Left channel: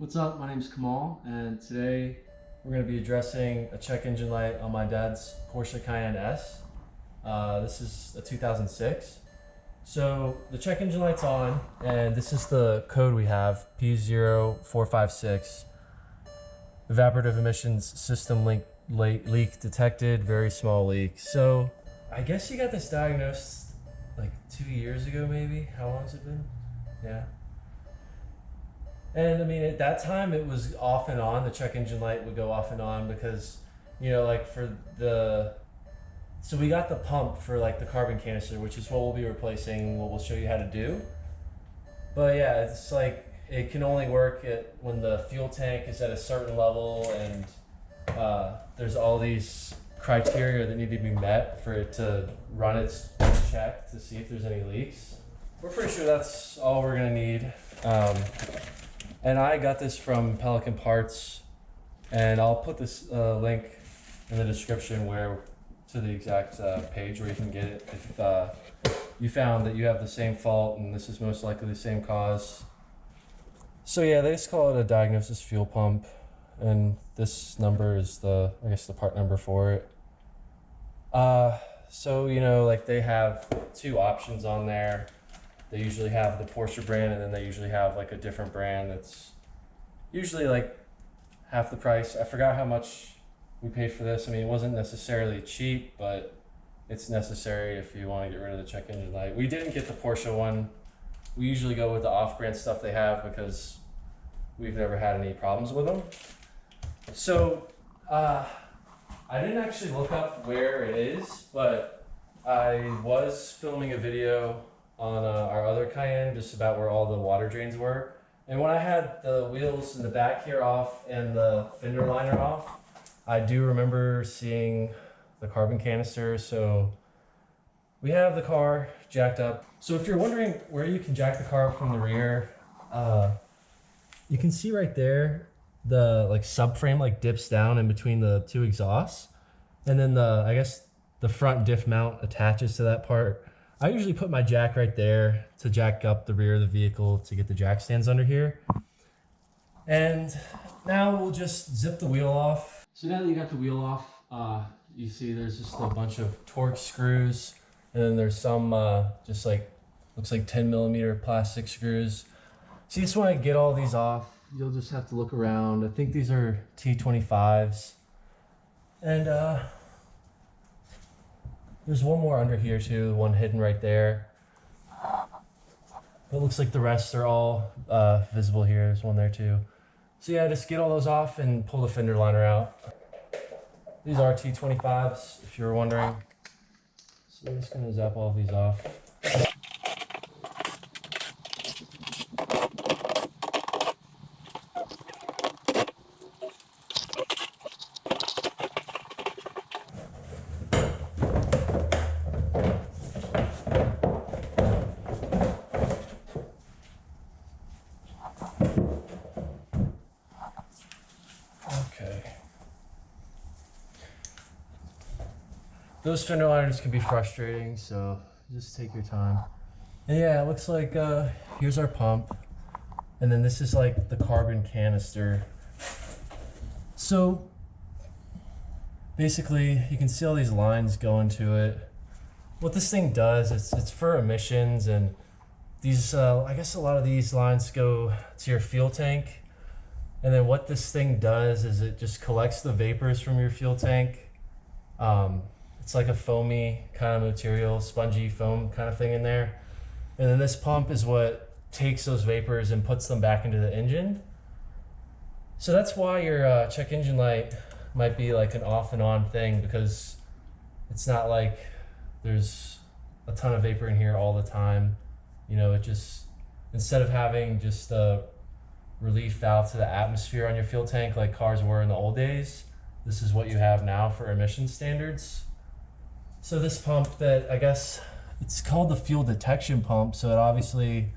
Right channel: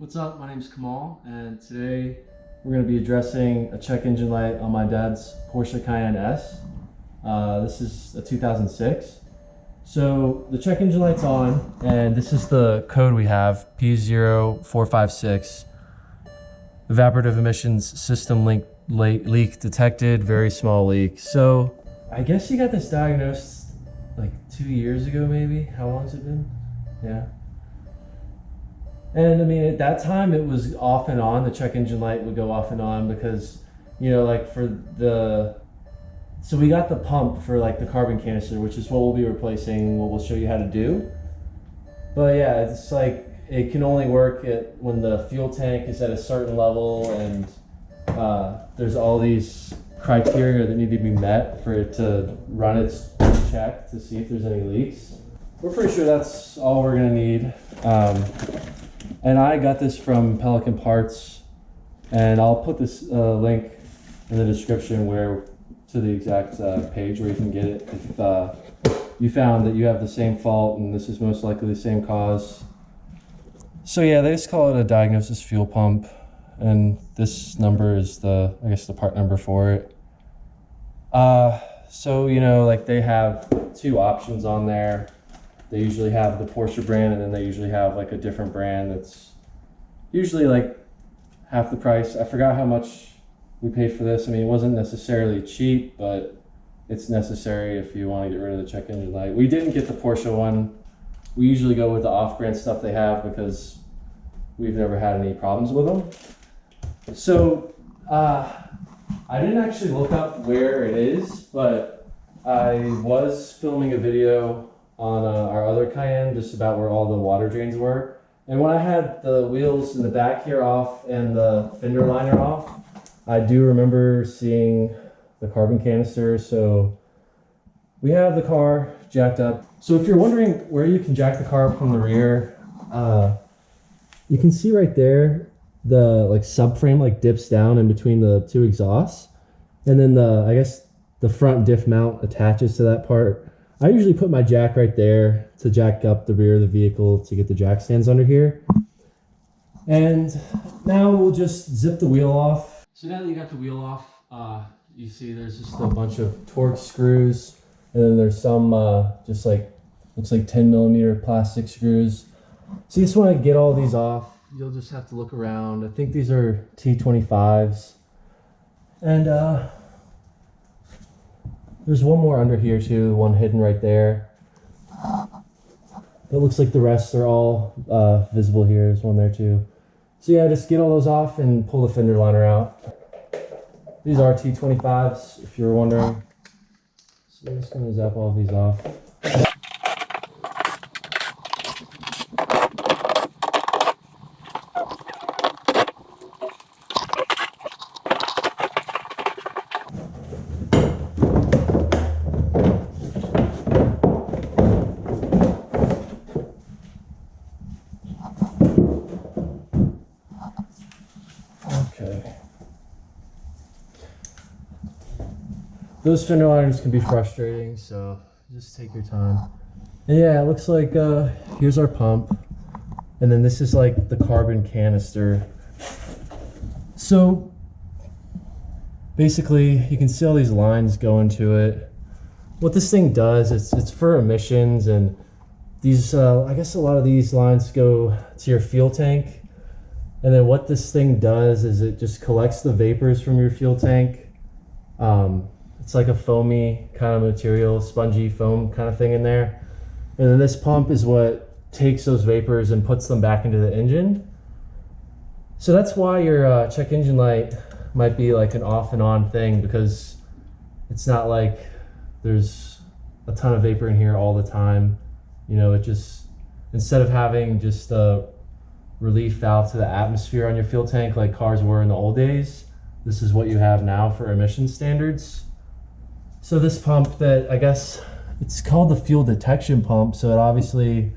What's up? My name is Kamal, and today we're going to be addressing a check engine light on my dad's Porsche Cayenne S. This is a 2006. So the check engine light's on, and this is the code we have, P0456. Evaporative emissions system leak detected, very small leak. So I guess you got this diagnosed like 2 years ago, maybe? How long has it been? Yeah. And I mean, at that time it was off and on. The check engine light would go off and on because, you know, like for the, so we got the pump for like the carbon canister, which is what we'll be replacing, what we'll show you how to do. But yeah, it's like, it can only work when the fuel tank is at a certain level, and there's all these criteria that need to be met for it to run its check to see if there's any leaks. We're pretty sure that's all we're gonna need. And I got this from Pelican Parts, and I'll put this link in the description to the exact page where you can get it if you found that you have the same fault and this is most likely the same cause. So yeah, they just call it a diagnosis fuel pump, and this number is I guess the part number for it. So you know, like they have two options on there. They usually have the Porsche brand, and then they usually have like a different brand that's usually like half the price. I forgot how much we paid for this. I mean, it wasn't necessarily cheap, but it's necessary if you want to get rid of the check engine light. We didn't get the Porsche one. We usually go with the off-brand stuff they have because we've never had any problems with them. So I didn't actually look up where it is, but I was filming a video on our other Cayenne just about where all the water drains were. And when I had the wheels in the back here off and the fender liner off, I do remember seeing the carbon canister. So we have the car jacked up. So if you're wondering where you can jack the car up from the rear, you can see right there, the like subframe like dips down in between the two exhausts. And then I guess the front diff mount attaches to that part. I usually put my jack right there to jack up the rear of the vehicle to get the jack stands under here. And now we'll just zip the wheel off. So now that you got the wheel off, you see there's just a bunch of Torx screws, and then there's some just like, looks like 10mm plastic screws. So you just want to get all these off. You'll just have to look around. I think these are T25s. And there's one more under here too, one hidden right there. But it looks like the rest are all visible here. There's one there too. So yeah, just get all those off and pull the fender liner out. These are T25s, if you were wondering. So I'm just gonna zap all of these off. Those fender liners can be frustrating, so just take your time. And yeah, it looks like here's our pump, and then this is like the carbon canister. So basically you can see all these lines going to it. What this thing does is it's for emissions, and these I guess a lot of these lines go to your fuel tank, and then what this thing does is it just collects the vapors from your fuel tank. It's like a foamy kind of material, spongy foam kind of thing in there. And then this pump is what takes those vapors and puts them back into the engine. So that's why your check engine light might be like an off and on thing, because it's not like there's a ton of vapor in here all the time. You know, it just, instead of having just a relief valve to the atmosphere on your fuel tank like cars were in the old days, this is what you have now for emission standards. So this pump, that I guess it's called the fuel detection pump, so it obviously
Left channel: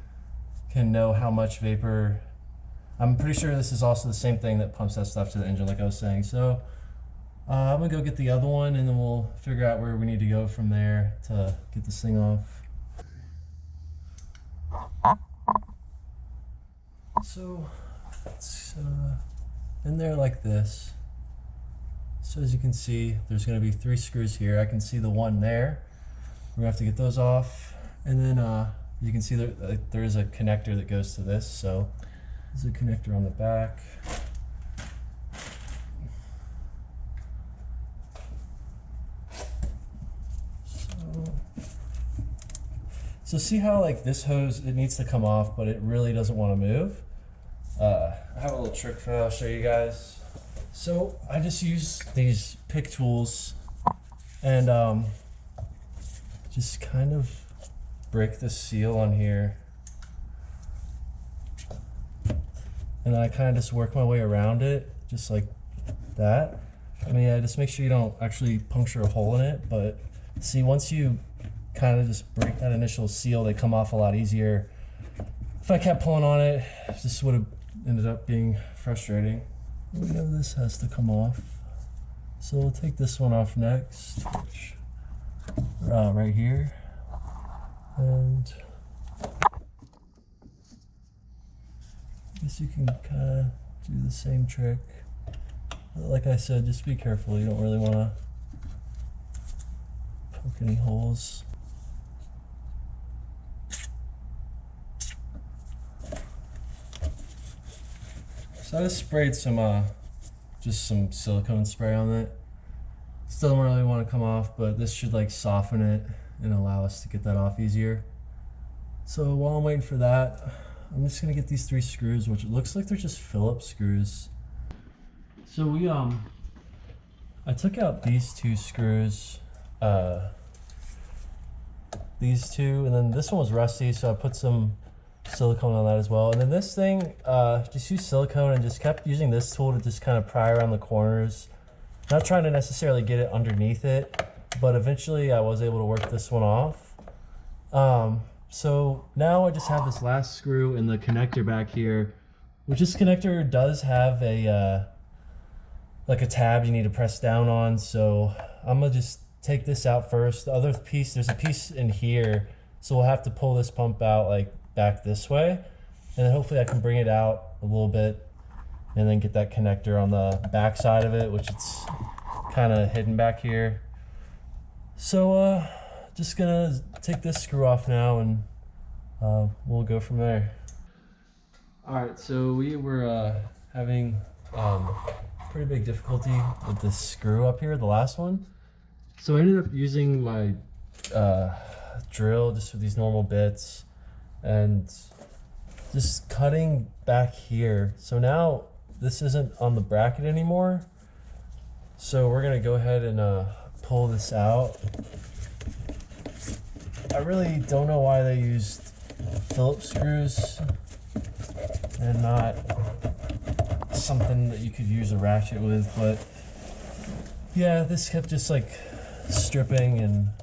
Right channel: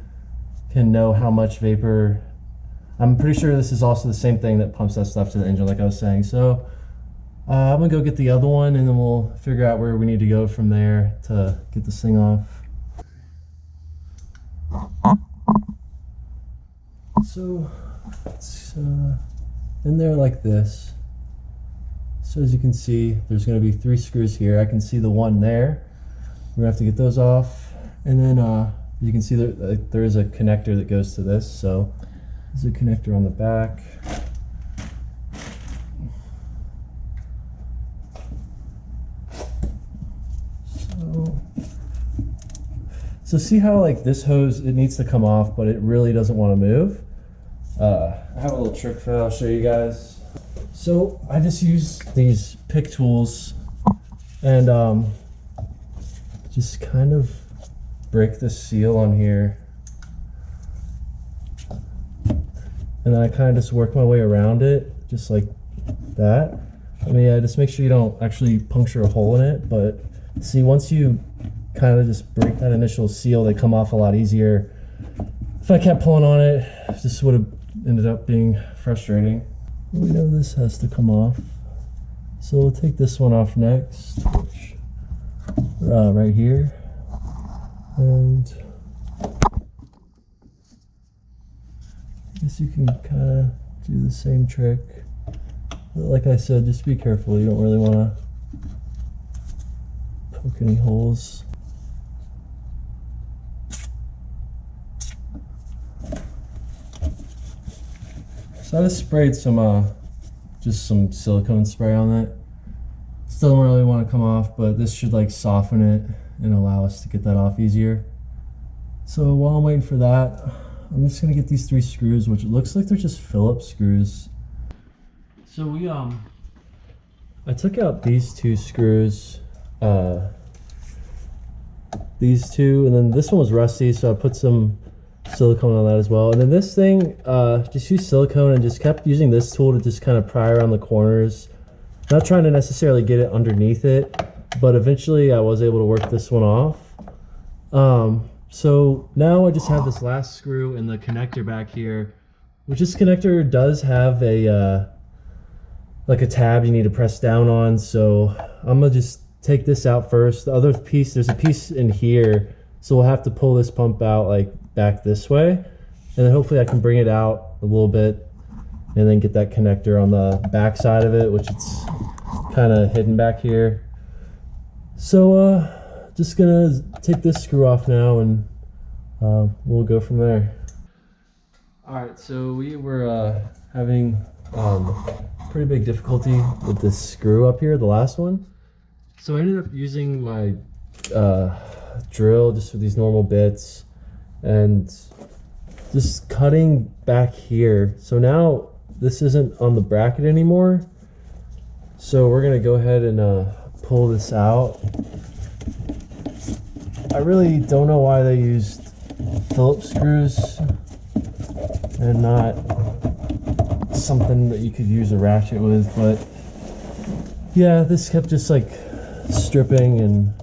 can know how much vapor. I'm pretty sure this is also the same thing that pumps that stuff to the engine, like I was saying. So I'm gonna go get the other one, and then we'll figure out where we need to go from there to get this thing off. So it's in there like this. So as you can see, there's going to be 3 screws here. I can see the one there. We're going to have to get those off. And then you can see there is a connector that goes to this. So there's a connector on the back. So see how like this hose, it needs to come off, but it really doesn't want to move. I have a little trick for that I'll show you guys. So I just use these pick tools and just kind of break the seal on here. And I kind of just work my way around it, just like that. I mean, yeah, just make sure you don't actually puncture a hole in it, but see, once you kind of just break that initial seal, they come off a lot easier. If I kept pulling on it, this would have ended up being frustrating. We know this has to come off, so we'll take this one off next, which right here, and I guess you can kind of do the same trick. But like I said, just be careful. You don't really want to poke any holes. So I just sprayed some just some silicone spray on it. Still don't really want to come off, but this should like soften it and allow us to get that off easier. So while I'm waiting for that, I'm just gonna get these 3 screws, which it looks like they're just Phillips screws. So I took out these 2 screws, these 2, and then this one was rusty, so I put some silicone on that as well. And then this thing, just used silicone and just kept using this tool to just kind of pry around the corners. Not trying to necessarily get it underneath it, but eventually I was able to work this one off. So now I just have this last screw and the connector back here, which this connector does have a like a tab you need to press down on. So I'm gonna just take this out first. The other piece, there's a piece in here, so we'll have to pull this pump out like back this way, and then hopefully I can bring it out a little bit and then get that connector on the back side of it, which it's kind of hidden back here. So just gonna take this screw off now and we'll go from there. All right, so we were having pretty big difficulty with this screw up here, the last one. So I ended up using my drill just with these normal bits and just cutting back here. So now this isn't on the bracket anymore. So we're gonna go ahead and pull this out. I really don't know why they used Phillips screws and not something that you could use a ratchet with, but yeah, this kept just like stripping and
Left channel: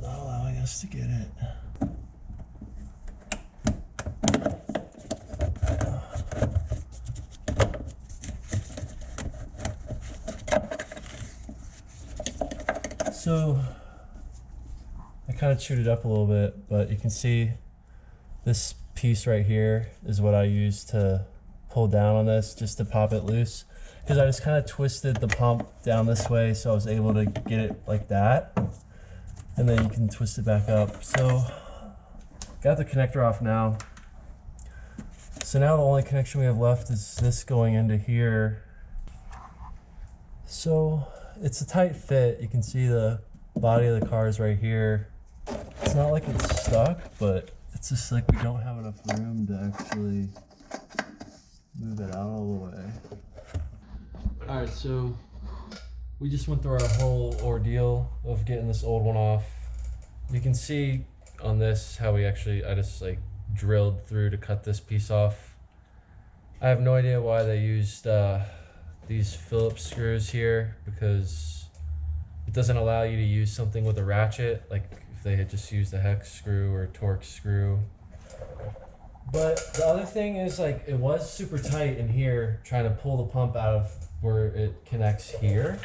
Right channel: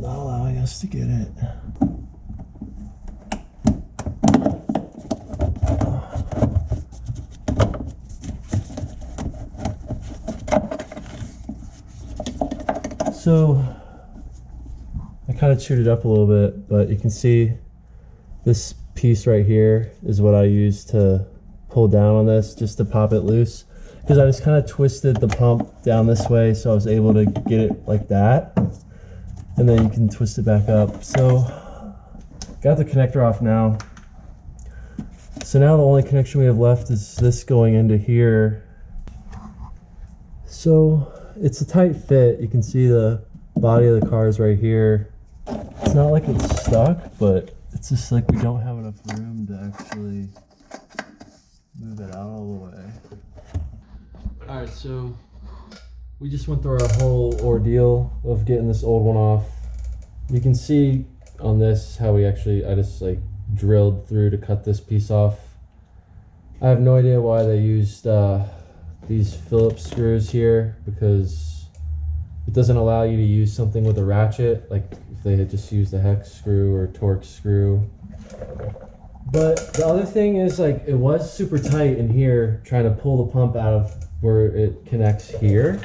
not allowing us to get it. So I kind of chewed it up a little bit, but you can see this piece right here is what I used to pull down on this, just to pop it loose, because I just kind of twisted the pump down this way, so I was able to get it like that, and then you can twist it back up. So got the connector off now. So now the only connection we have left is this going into here. So it's a tight fit. You can see the body of the car is right here. It's not like it's stuck, but it's just like we don't have enough room to actually move it out all the way. All right, so we just went through our whole ordeal of getting this old one off. You can see on this how I just like drilled through to cut this piece off. I have no idea why they used these Phillips screws here, because it doesn't allow you to use something with a ratchet, like if they had just used a hex screw or Torx screw. But the other thing is, like, it was super tight in here trying to pull the pump out of where it connects here,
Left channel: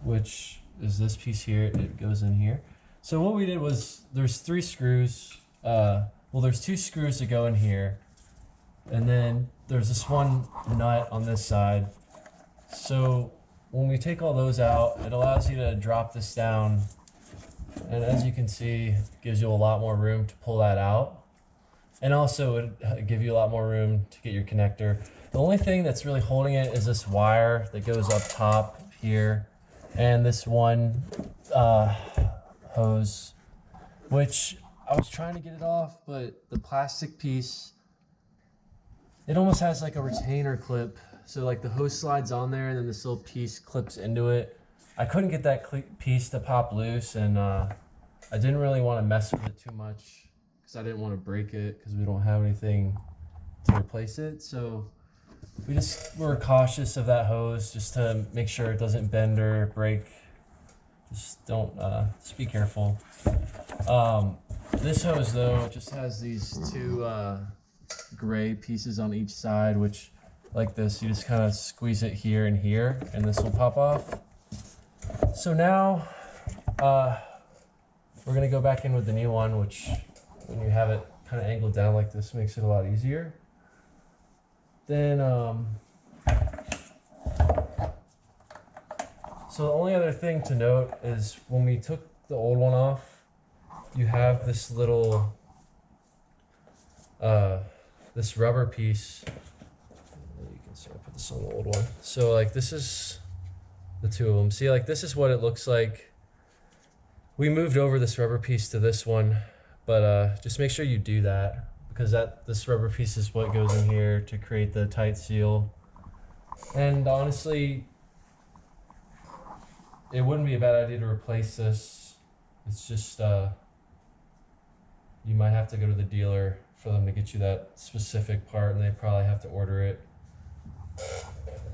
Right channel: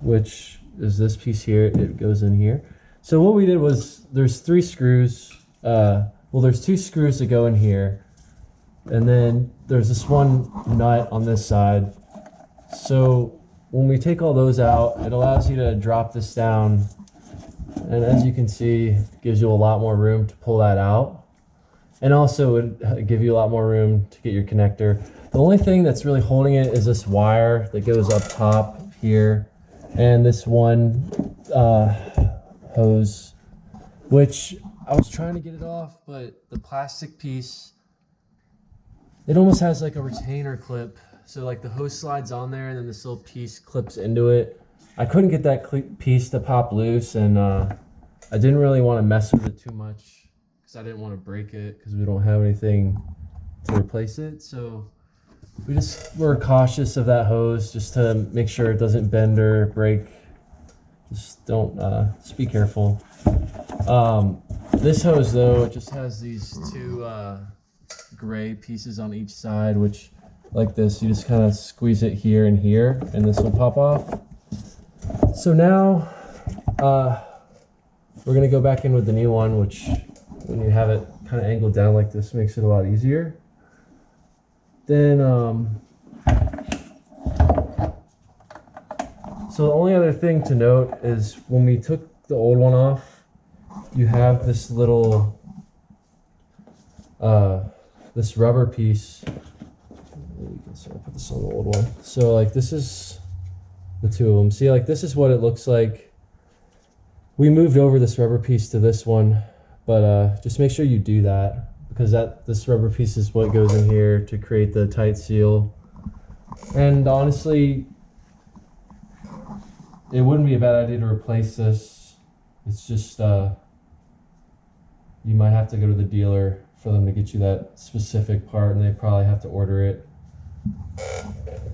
which is this piece here. It goes in here. So what we did was, there's 3 screws. Well, there's 2 screws that go in here, And then there's this one nut on this side. So when we take all those out, it allows you to drop this down. And as you can see, it gives you a lot more room to pull that out. And also it would give you a lot more room to get your connector. The only thing that's really holding it is this wire that goes up top here. And this one hose, which I was trying to get it off, but the plastic piece, it almost has like a retainer clip. So like the hose slides on there and then this little piece clips into it. I couldn't get that piece to pop loose, and I didn't really want to mess with it too much because I didn't want to break it because we don't have anything to replace it. So we just were cautious of that hose just to make sure it doesn't bend or break. Just don't, just be careful. This hose though, it just has these two gray pieces on each side, which like this, you just kind of squeeze it here and here, and this will pop off. So now we're gonna go back in with the new one, which when you have it kind of angled down like this makes it a lot easier. Then so the only other thing to note is when we took the old one off, you have this little this rubber piece. You can see, I'll put this on the old one. So like this is the two of them. See, like this is what it looks like. We moved over this rubber piece to this one, but just make sure you do that, because this rubber piece is what goes in here to create the tight seal. And honestly, it wouldn't be a bad idea to replace this. It's just you might have to go to the dealer for them to get you that specific part, and they probably have to order it.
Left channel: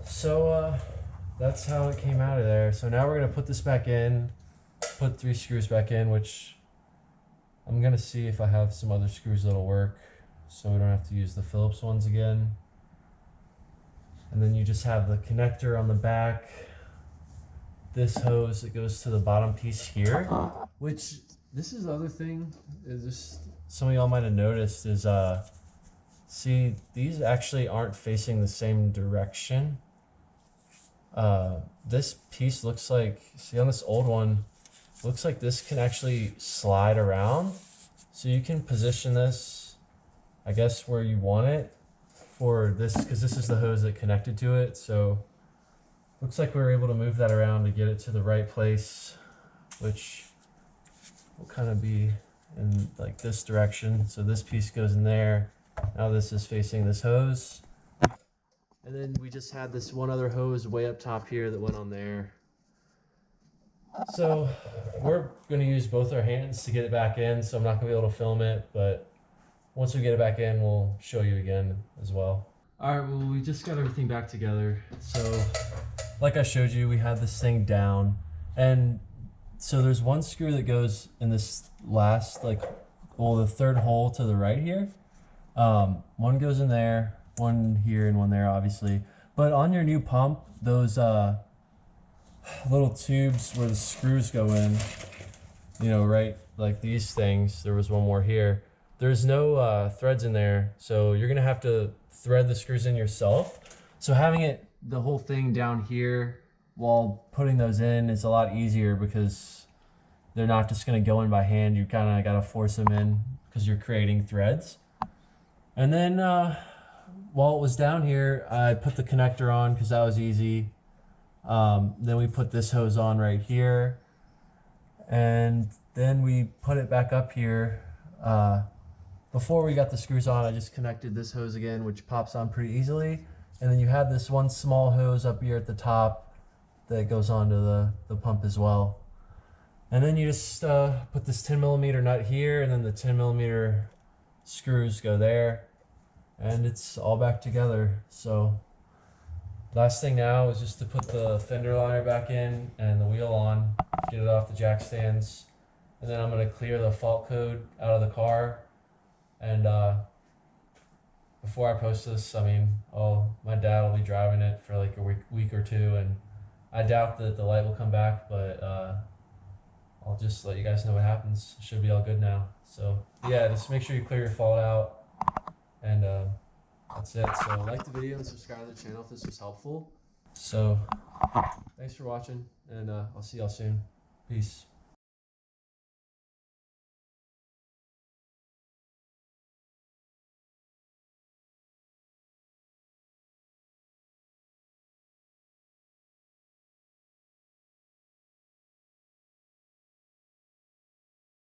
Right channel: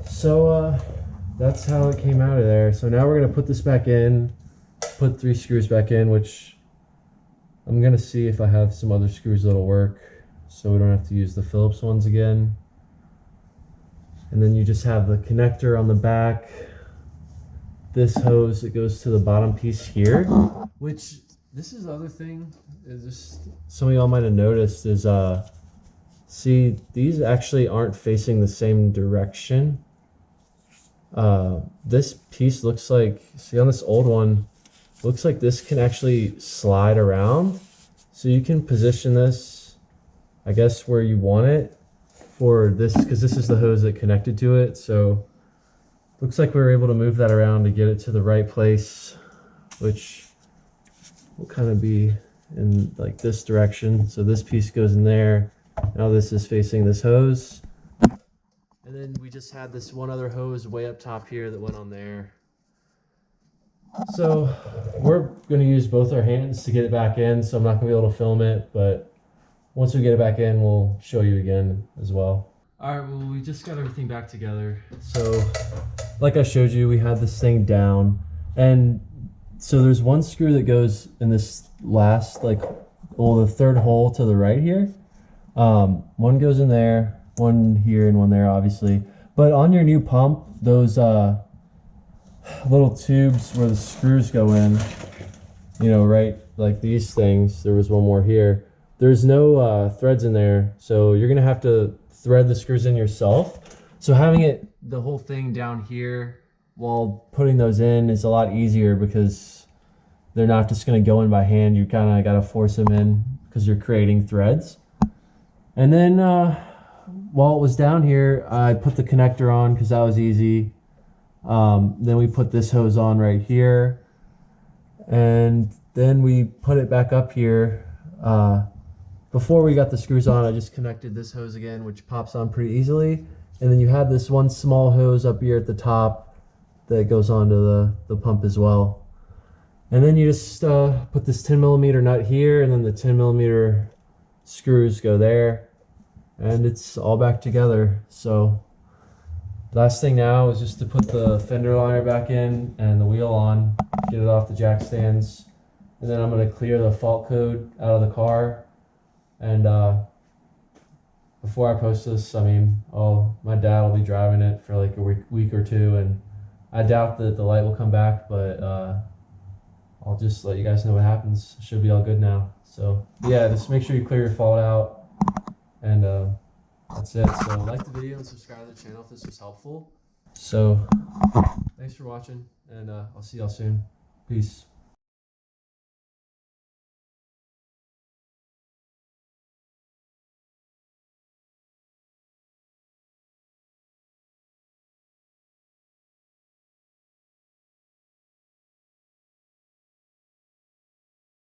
So that's how it came out of there. So now we're gonna put this back in, put 3 screws back in, which I'm gonna see if I have some other screws that'll work, so we don't have to use the Phillips ones again. And then you just have the connector on the back, this hose that goes to the bottom piece here, which this is the other thing is just some of y'all might have noticed is see, these actually aren't facing the same direction. This piece looks like, see on this old one, looks like this can actually slide around. So you can position this, I guess, where you want it for this, because this is the hose that connected to it. So looks like we were able to move that around to get it to the right place, which will kind of be in like this direction. So this piece goes in there. Now this is facing this hose. And then we just had this one other hose way up top here that went on there. So we're going to use both our hands to get it back in, so I'm not going to be able to film it, but once we get it back in, we'll show you again as well. All right, well, we just got everything back together. So like I showed you, we had this thing down, and so there's one screw that goes in this last, like, well, the third hole to the right here. One goes in there, one here, and one there, obviously. But on your new pump, those little tubes where the screws go in, you know, right, like these things, there was one more here. There's no threads in there, so you're gonna have to thread the screws in yourself. So having it, the whole thing down here while putting those in is a lot easier, because they're not just gonna go in by hand. You kind of gotta force them in because you're creating threads. And then while it was down here, I put the connector on because that was easy. Then we put this hose on right here, and then we put it back up here. Before we got the screws on, I just connected this hose again, which pops on pretty easily. And then you have this one small hose up here at the top that goes onto the pump as well. And then you just put this 10mm nut here, and then the 10mm screws go there, and it's all back together. So last thing now is just to put the fender liner back in and the wheel on, get it off the jack stands, and then I'm going to clear the fault code out of the car. And before I post this, I mean, my dad will be driving it for like a week or two, and I doubt that the light will come back, but I'll just let you guys know what happens. It should be all good now. So yeah, just make sure you clear your fault out, and that's that's it. So like the video and subscribe to the channel if this was helpful. So thanks for watching, and I'll see y'all soon. Peace.